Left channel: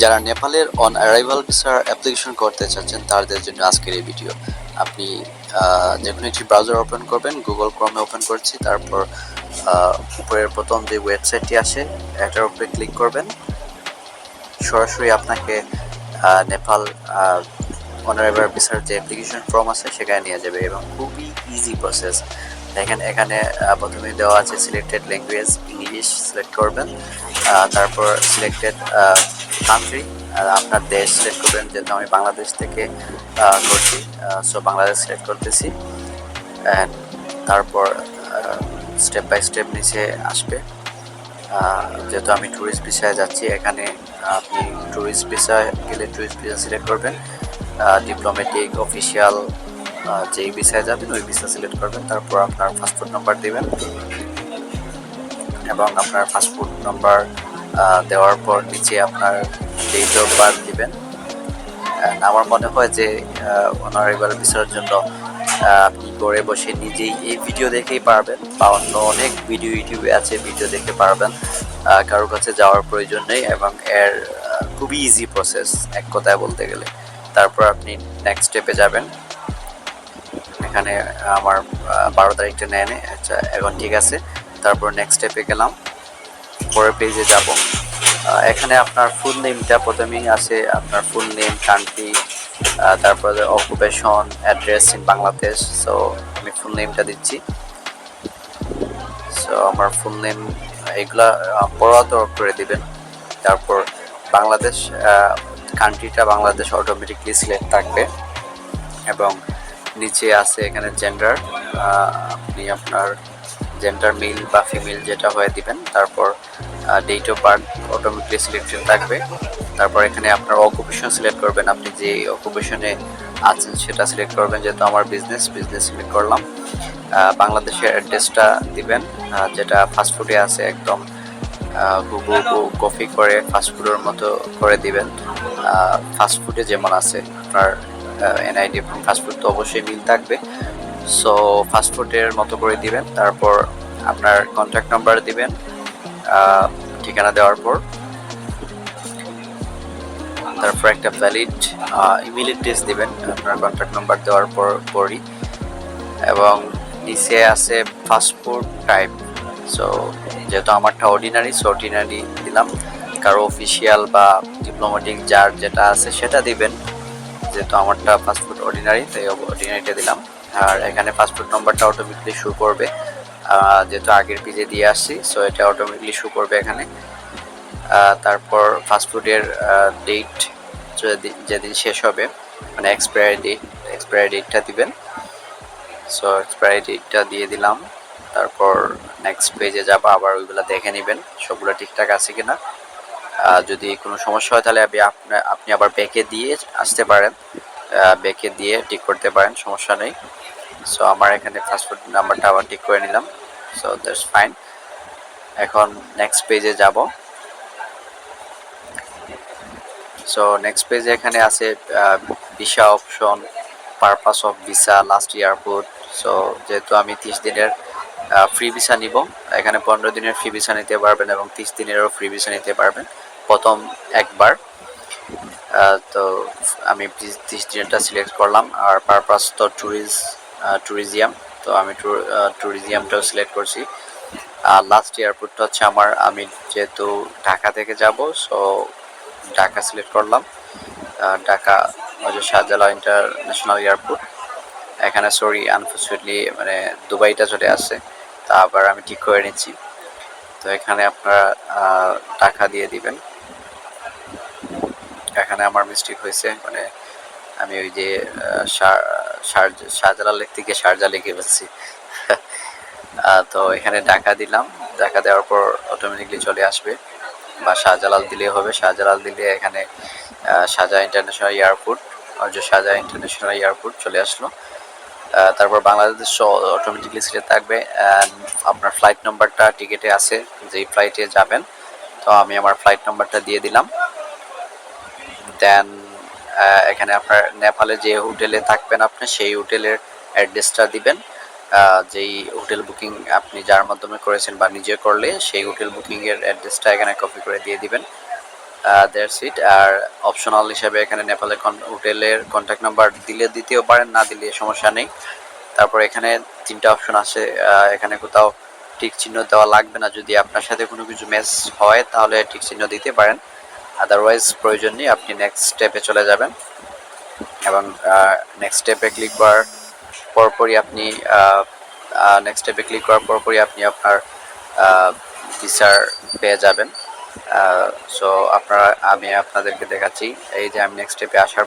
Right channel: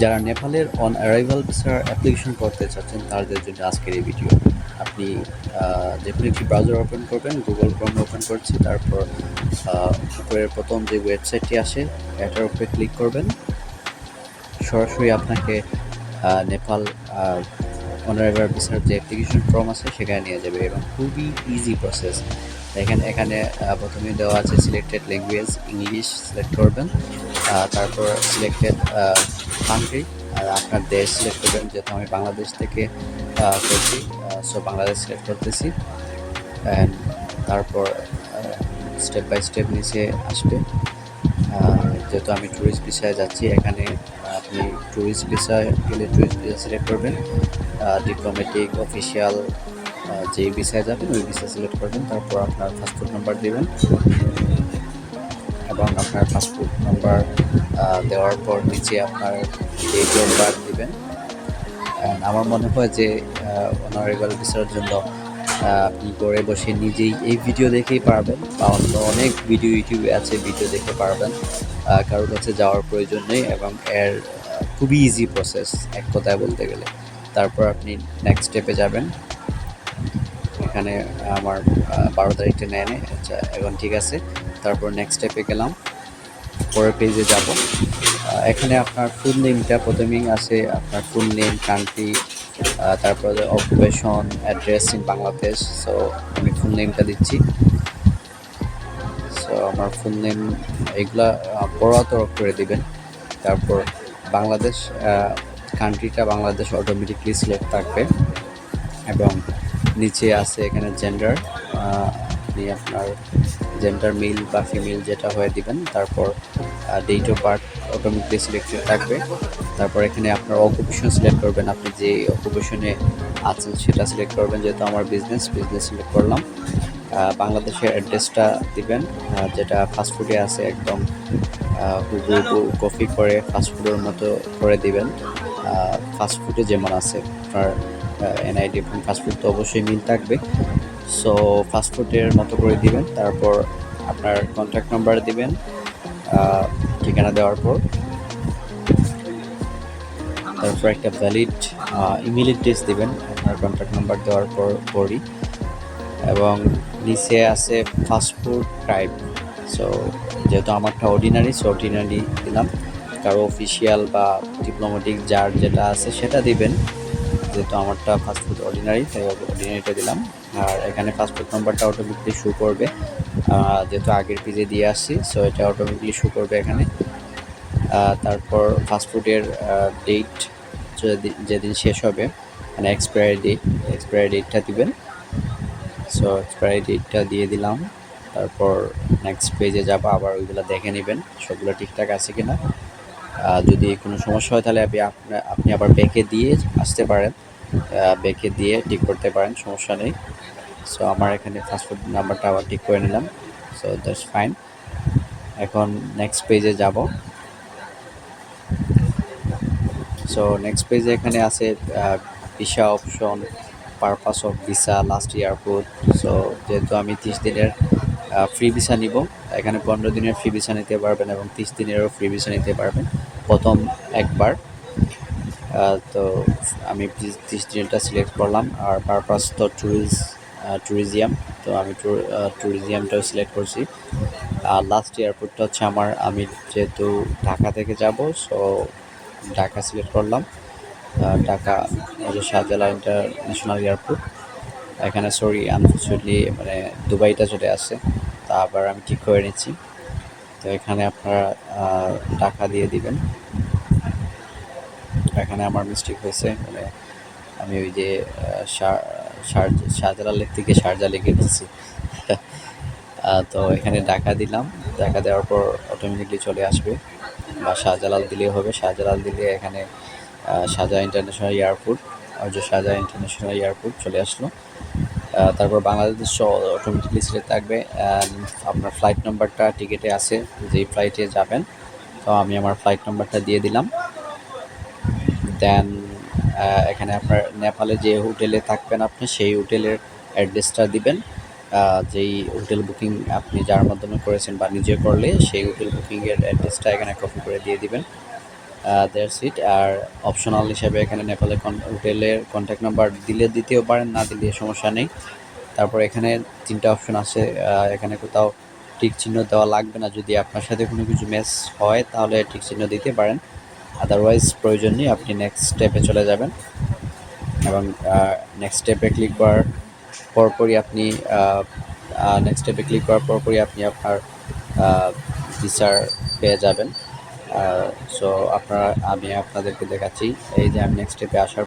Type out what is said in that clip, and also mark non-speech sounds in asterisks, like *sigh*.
যারা নেপালের on arrival ভিসার অ্যাপ্লিকেশন করতে চাচ্ছেন, তাদের জন্য আজকের এই ভিডিও আপনি যে কোনো একটি ব্রাউজার ওপেন করবেন গুগল ক্রমে ওপেন করছি, তারপর উপরের প্রথম যে ওয়েবসাইটটি আসে এটার উপরে ক্লিক করবেন। সরাসরি আপনাকে নেপাল অনারেবল ভিসার যে অ্যাপ্লিকেশন ফর্ম আছে, সেখানে নিয়ে যাবে এবং খুবই ইজি প্রসেস দেখেন এখানে প্রথমে দেওয়া আছে সিলেক্টেড ল্যাঙ্গুয়েজ ইংলিশ সিলেক্ট করবেন। তারপর সিলেক্টেড কান্ট্রি আপনার দেশ সিলেক্ট করবেন, যেহেতু আমি বাংলাদেশ থেকে করছি সো বাংলাদেশ সিলেক্ট করতেছি। অ্যান্ড তারপর স্টেপ বাই স্টেপ নিচে আসবে। যেহেতু আমি ট্যুরিস্ট ভিসায় যাচ্ছি, এখানে আপনি ট্যুরিস্ট ভিসায় গেলে ট্যুরিস্ট ভিসা সিলেক্ট করবেন। ডিপ্লোমেটিক অফিসিয়াল যেই ভিসায় যাবেন, ওই ভিসা সিলেক্ট করবেন। তারপর আপনার পাসপোর্ট নাম্বার দিবেন এবং আপনার পাসপোর্ট নাম্বার দেওয়ার পর নিচে আপনার ডেট অফ বার্থ দিবেন। আমার মনে হয় যে ওনার অনারেবল ভিসার জন্য আপনি ঘরে বসে নিজেই এই ভিডিও দেখেই পারবেন। বা অন্য অনেক ভিডিও ইউটিউবে আছে ভিডিও দেখে পারবেন। কারোর কাছে যাওয়ার প্রয়োজন নেই এবং এর খুবই ইজি প্রসেস এক কথায় বলতে গেলে। তারপর আপনি নেক্সট স্টেপে যাবেন। এখানে আমার বারো তারিখটা নেয় নেয় আচ্ছা এখন ঠিক আছে। তারপর নেক্সট স্টেপে গেলাম। পরের পেজে যাব। এখানে আপনার ফুল নেমটা প্রথমেই আছে। আপনার ফুল নেম কান্ট্রি তারপরে occupation address in Bangladesh so আমি ফুল নেমটা দিচ্ছি। সো আমার ফুল নেম এগুলা পড়াতো করে দিবেন। তারপর বাংলাদেশ কান্ট্রিটা বাংলাদেশ অটোমেটিকলি সিলেক্ট থাকবে। এবং নিচে আছে এখানে জেন্ডার আপনি আপনার জেন্ডার মেল বা ফিমেল যেটা হয়ে দিবেন। তারপর date of birth automatically selected থাকবে। তারপর এখানে আপনার অকুপেশন সিলেক্ট করবেন। আপনি যে অকুপেশনে আছেন সেটা সিলেক্ট করবেন, যেহেতু আমার বিজনেস বিজনেস সিলেক্ট করলাম। বাংলাদেশের অ্যাড্রেসটা দিবেন যেটা ফাস্টফুডে আছে, একদম হুবু হুবু কপি করে ফাস্টফুডের মতো করে দিবেন। ফাস্টফুডে যেমন আছে, আপনার এনআইডি এবং ফাস্টফুড তো অবশ্যই মিল থাকবে। সো ফাস্টফুডের মতো করে দিবেন। তারপর আপনার কন্ট্যাক্ট নাম্বার দিবেন ঠিকানা দেওয়ার পর। তারপর একটা ভ্যালিড ইমেল অ্যাড্রেস দিবেন, আপনার কন্ট্যাক্ট নাম্বার দেওয়ার পর, পরই। এবং নিচে আছে ফাস্টফুড টাইপ সো যেহেতু আমারটা অর্ডিনারি সো অর্ডিনারি দিলাম। কারও অফিসিয়াল বা ডিপ্লোম্যাটিক যার যেটা আছে সেটা দিবেন। যেহেতু আমারটা ফাস্টফুড অর্ডিনারি তাই অর্ডিনারিটা দিলাম। আর এখানে পাসপোর্ট নাম্বারটা অটোমেটিকলি শু করবে। যেহেতু আগের পেজে দিয়ে আসছি সো এটা অটোমেটিকলি শো করবে এখানে। তারপর ফাস্টফুডের ডেট যেদিন শেষ হবে মানে এক্সপায়ারি ডেট এক্সপায়ারি ডেটটা দিবেন। সো এক্সপায়ারি ডেটটা দিয়ে দিলাম। তারপর নেক্সট পেজে যাব, আবার ওইগুলো দেখে নেবেন, সবগুলো ঠিকঠাক আছে কিনা। যদি কোনো সমস্যা হয়, তাহলে আপনি আপনা- আপনি আবার ব্যাকে দিয়ে আসতে পারেন। ব্যাকে দিয়ে ঠিক করতে পারেন, সমস্যা নেই। সো আমার এখানে ফাস্টফুড নাম্বারটা আবার ঠিক করে নিলাম। সো দ্যাটস ফাইন এখন নেক্সট পেজে যাব। সো নেক্সট পেজে এখানে আছে visa option purpose of visa last airport so যেহেতু আমি তিরিশ দিনের ফ্রি ভিসা নিব, এখানে পনেরো দিনের ফ্রি ভিসা নিতে পারবেন এবং তিরিশ দিনেরও ফ্রি ভিসা নিতে পারবেন, প্রথম একবার। তো, আমি তিরিশ দিনেরটা সিলেক্ট করলাম, আর পারপাস তো ট্যুরিজ ট্যুরিজিয়াম তো আমি ট্যুরিজিয়ামটাও সিলেক্ট করছি। আর লাস্ট এয়ারপোর্টটা হচ্ছে আমার, আমি যেহেতু ঢাকা থেকে যাব সো ঢাকা সিলেক্ট করলাম। ঢাকা হচ্ছে শাহজালাল ইন্টারন্যাশনাল এয়ারপোর্ট। এখানে সরি আনফর্চুনেটলি মানে দুবাইটা চলে আসছে। তা আবার আমি ঠিক করে নিচ্ছি। তো এখানে আপনারা টাকা দিয়ে দিবেন। এখানে আমার মিস্টেক হয়েছে। মানে আমি ওই যে শাহজালাল লেক থেকে শারজা লিখে ফেলছি। *laughs* তো এখানে টাকা দিলাম। টাকা দেওয়ার পর অটোমেটিকলি চলে আসবে। বা শাহজালাল দিলেই হবে। শাহজালাল দিলে এখানে শাহজাহান ইন্টারন্যাশনাল এয়ারপোর্ট যে শাহজাহান ইন্টারন্যাশনাল এয়ারপোর্ট চলে আসলো। তারপর বাংলাদেশ অটোমেটিকলি সিলেক্ট থাকবে আপনার ফ্লাইট নাম্বারটা টিকিটে আছে, যেই ফ্লাইটে যাবেন। তো আমি আমার ফ্লাইট নাম্বারটা দিয়ে দিলাম। দেন এখানে আপনার নেপালে যে হোটেলে থাকবেন আপনি, সেই হোটেলের অ্যাড্রেসটা দিবেন। যেই হোটেল বুকিং আপনি যার মাধ্যমে করেছেন বা নিজে করলে, সেই হোটেল বুকিংয়ের অ্যাড্রেসটা এখানে কপি করে দিয়ে দিবেন। দেয়ার সিট আর অপশনাল হিসাবে এখানে নেপালে হোটেলের কন্ট্যাক্ট নাম্বার দিলে দিতেও পারেন, না দিলে সমস্যা নেই। তারপর এখানে তিনটা অপশন আছে। এখানে কোথাও টিক চিহ্ন দেওয়া লাগবে না। যদি আপনার সাথে কোনো কিছু ম্যাচ হয়, তাহলে টিক চিহ্ন দিতে পারেন। আদারওয়াইজ প্রয়োজন নেই, আপনি নেক্সট স্টেপে চলে যাবেন। এবং নেক্সট স্টেপে ক্লিক করার পরপরই আপনি নেক্সট স্টেপে ক্লিক করার পরপরই আপনি আপনার ভিসার পেয়ে যাবেন। সো আপনারা, আমি আপনাদেরকে দেখাচ্ছি, এই যে আমি নেক্সট স্টেপে আসার